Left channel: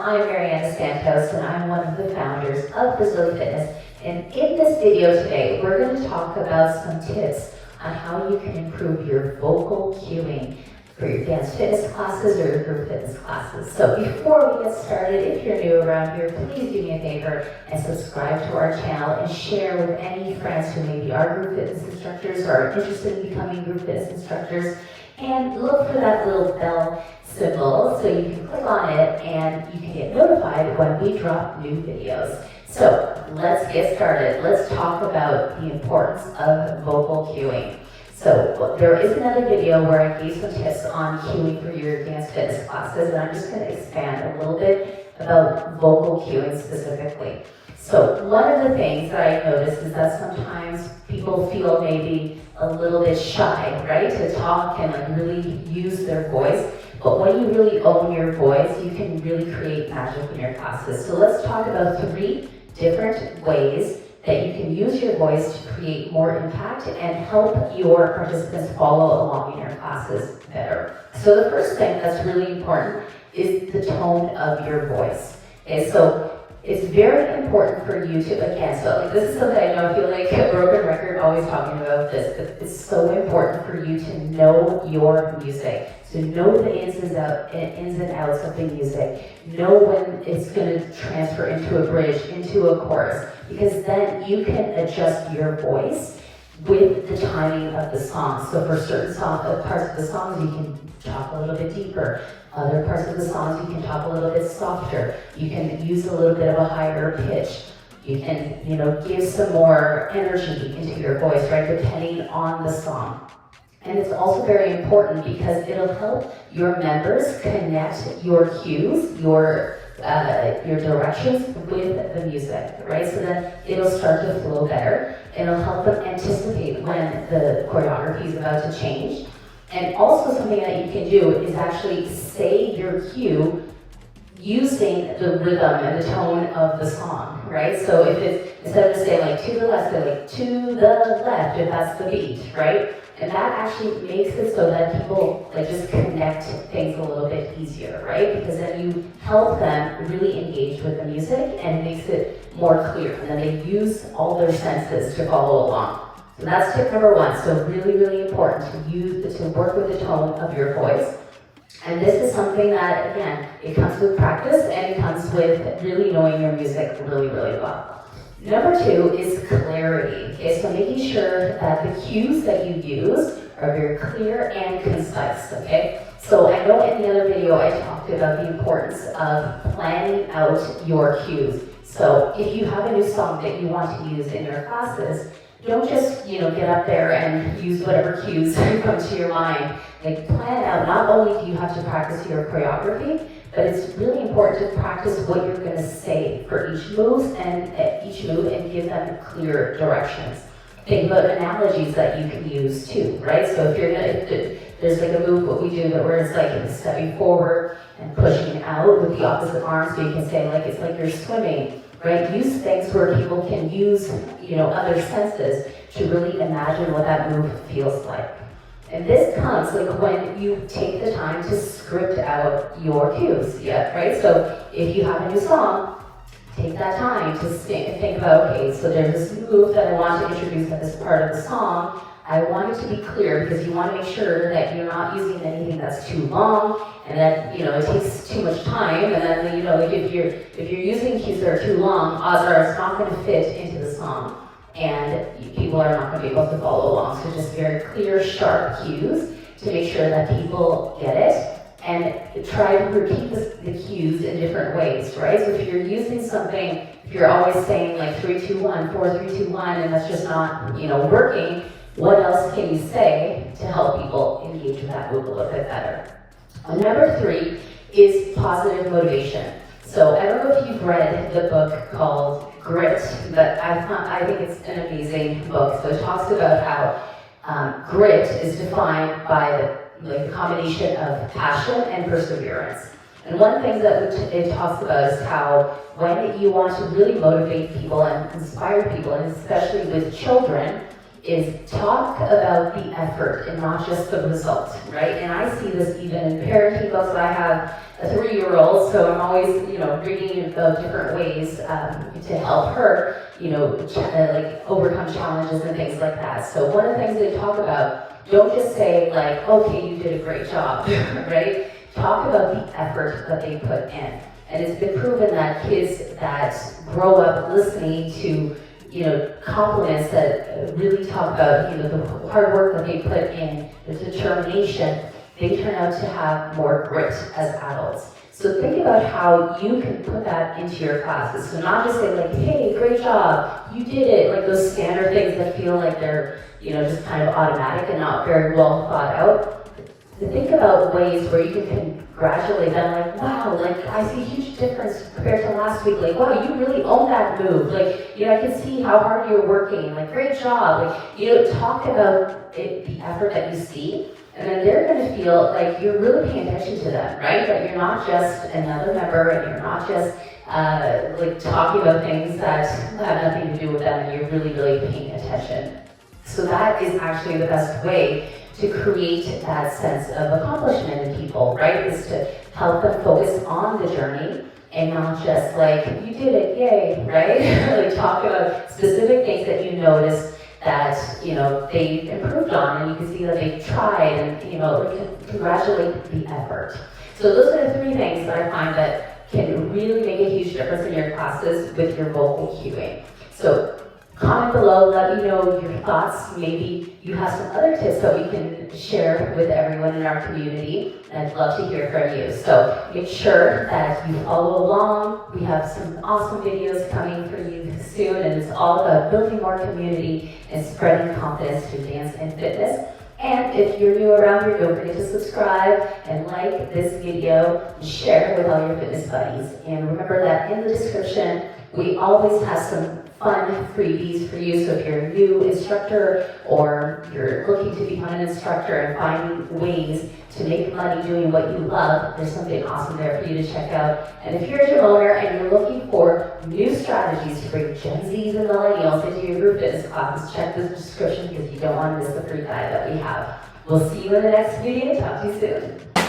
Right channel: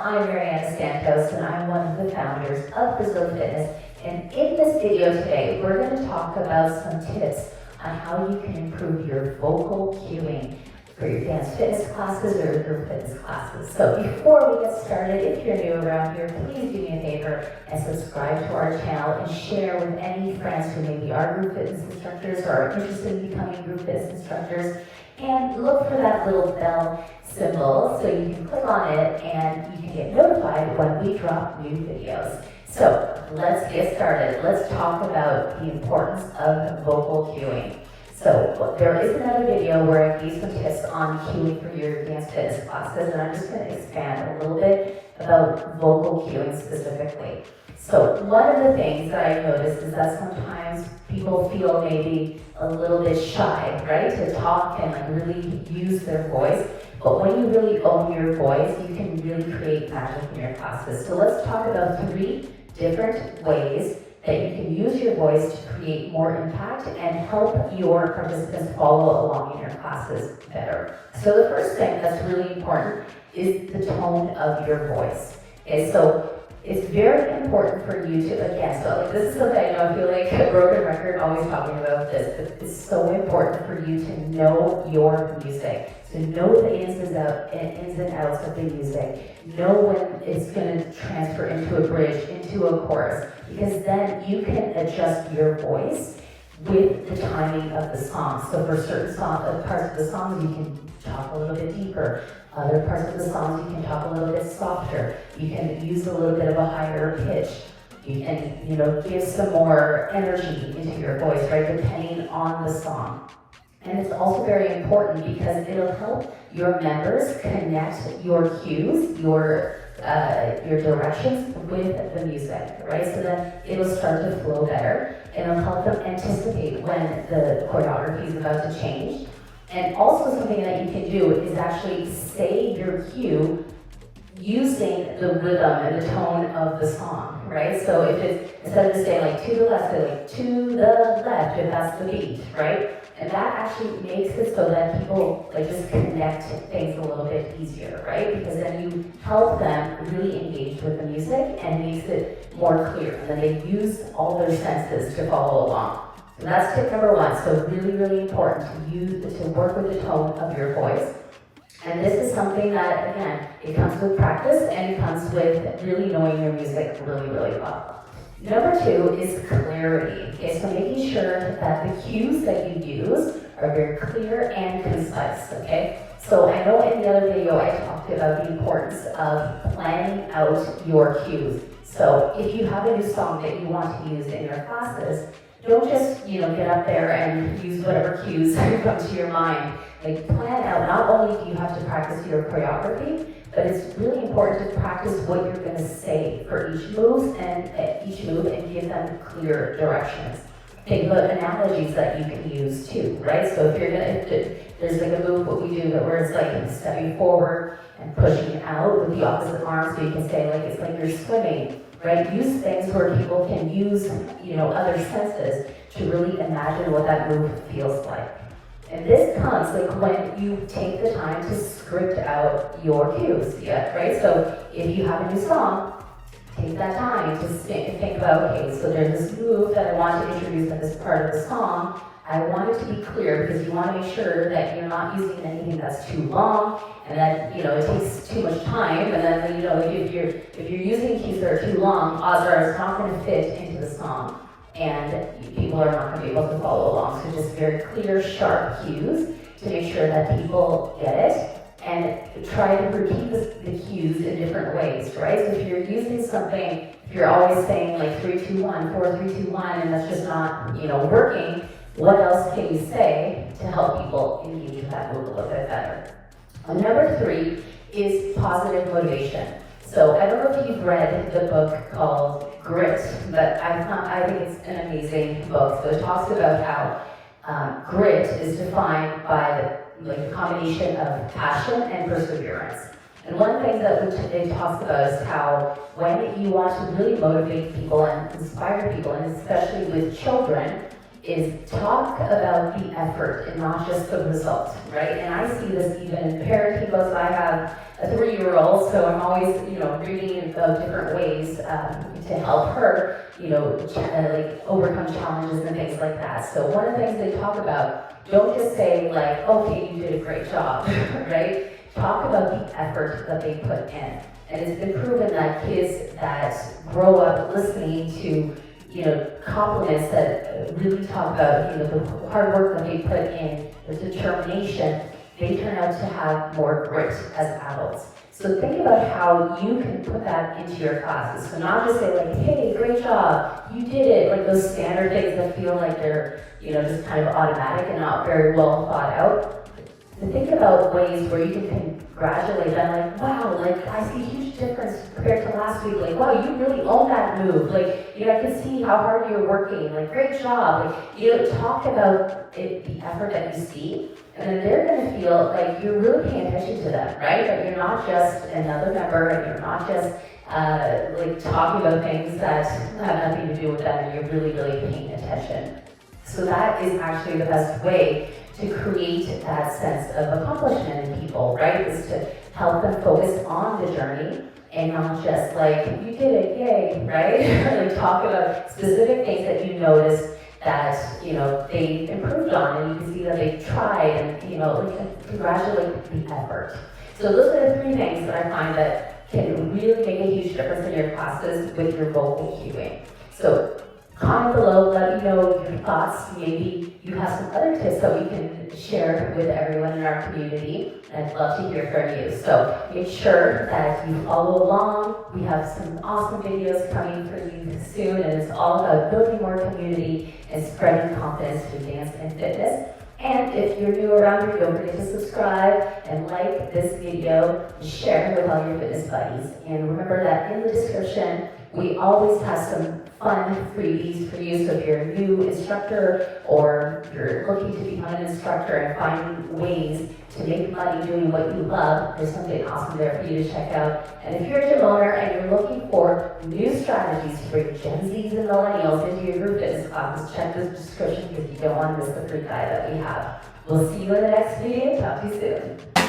I'm Mariana Santos, and I'm one of the founders of Brazily Fitness. And in this video today, we're going to talk about some tips on how you can improve your vocal cueing for your dance fitness classes or your group fitness classes. So before we get started, if you're new around here, please do me a favor and subscribe to our channel and share with any friends who maybe are group fitness instructors or are interested in becoming group fitness instructors. And look for that little bell symbol so you can click on it and you can get notified when we drop new videos. So let's get started. Let's talk about the importance of vocal cueing. So there is another video where I gave some tips on cueing for your dance fitness classes, and I'm just going to expand a little bit about vocal cueing specifically. So one of the things that I noticed is that sometimes people feel maybe a little bit shy, right, to talk and like really use their voice. But when you really own your voice, you can really create magic in your classes. So let's talk about 3 different ways that you can use your voice to create more impact and help your participants follow along in your classes better. So the first thing that's really important is the tone of your voice. Okay, so it's very important for you to, again, so like this is something I know I feel like a broken record always talking about this, but it's so important for you to know your music, to know the ins and outs of the music, know when it's going to transfer into a bridge, into a chorus, because then you can adjust your voice with the timing of the song. So for certain parts of the songs, you can talk a little bit deeper. Other parts of the songs, you can talk a little bit softer. You can use a little bit of a higher pitch. You can, give some more energy into your voice, right, depending on the song. And it's also very important because it'll help your members connect your cues, your directions with the music, right? So then it'll start to flow better, and it'll help them anticipate when the choreography is about to change. And also something that you can do is actually say your cue using the rhythm and the tone of the song, right? So if it's, instead of just saying like to the left, say like to the left, if that's the beat, right? And that actually makes it so that people like just connect things a little bit easier, right? Because then you help them really engage with the music and makes it more clear. And then they use all their senses to follow along. So that's tip number 1. So really, really important to work with the tone of your voice. And this is something that, again, it comes with practice and it comes with really knowing your music really, really well. Number 2 is clarity. Okay, so making sure that the cues that you use are very clear and concise, okay? So I know in the other video I talked about the importance of planning out your cues. So if you have a new song that you want to use in your classes, don't just, get up there and use whatever cues come to your mind. Like plan out, not only do you have to practice your choreography, but it's really important to practice what you're going to say for each move and give them clear directions. Think about analogies that you can use too, right? So if there's like a move what we do where it's like stepping forward and pushing out with the opposite arm, so you can say like it's like you're swimming, right? Use things where people can use, other senses to really imagine what that move feels like. And this comes like when you take the time to script out your cues, yeah, right? So if you have a new song, take that time to think about, okay, so there's this move that I want to introduce at this part of the song. I want it to be clear because you want to make sure that you're not using anything that's too long and that, it takes too much time. And then, if you're using cues that are too long, odds are it's not going to fit into the song. And people are not going to be able to follow along. So just very clear, sharp cues to make sure that people get it. And try to repeat the cues in different ways, right? So if you're using something, if you're always saying like 3, 2, 1, 4, 3, 2, 1, and that's just not, working, what else can you say to help people engage with that move a little bit better? Number 3 is positive motivation. So I don't know if you've read the book called Grit, but I think it's an amazing book. So it talks about how grit is defined by the combination of passion and perseverance. And one thing that it talks about is how when you want to really motivate people and inspire people, and especially with children, is talk about the effort and not just the result, right? And I see this even in parenting books. I have a 3-year-old, so I'm always, reading about different ways to help her, like overcome challenges and things like that. So one of the things they talk about, don't just say like, okay, you did a great job, right? Talk about the effort that they put in. And it's been proven that kids that grow up listening to compliments that really talk about, the hard work that they put in, the determination, they turn out to have more grit as adults. So think about how you can put that into your classes. So not just say like, hey, great job, you did it, like those standard things that feel like they're, just kind of automatic and not very well thought out. To think about ways where you can congratulate them, like, wow, like I see a huge difference compared to last week. Like, wow, you really own that move. Like, I can see how hard you're working. Like, great job. Like, talk about the effort that you see, and then they're going to feel like you're really paying attention to them, right? That you're not just another member, and you're not just like talking about things that have nothing to do with them, and you're really, really paying attention. So that is actually the best way to create that sense of accomplishment in people, right? Is to help them focus on the journey and not just like, you did it, yay, right? Like talk about specific things that you notice that, they improved on, and you can see that they've tried, and, like congratulate the effort. So those are the 3 things that I find that can really make a huge difference in your classes with your vocal cueing. So comment below, let me know your thoughts. Maybe you have some other tips that we can share with everyone in our community. I'd love to hear from you. So make sure that you follow along. We have some awesome videos coming for you soon, and it's all about building more community and spreading confidence through dance and fitness. And if you're new around here, don't forget to subscribe and like this video and share it with all your fitness buddies. And remember that in the description, we always have some fun freebies for you. So if you're a new instructor or you're looking to become an instructor and finding ways to make money doing what you love, there's something awesome there for you to check out. And if you're a gym owner and you're looking for new strategies to bring Gen Zs and millennials into your group fitness classes, check the description because you don't want to miss the free guide that we have. We'll see you in the next video. Talk to you soon.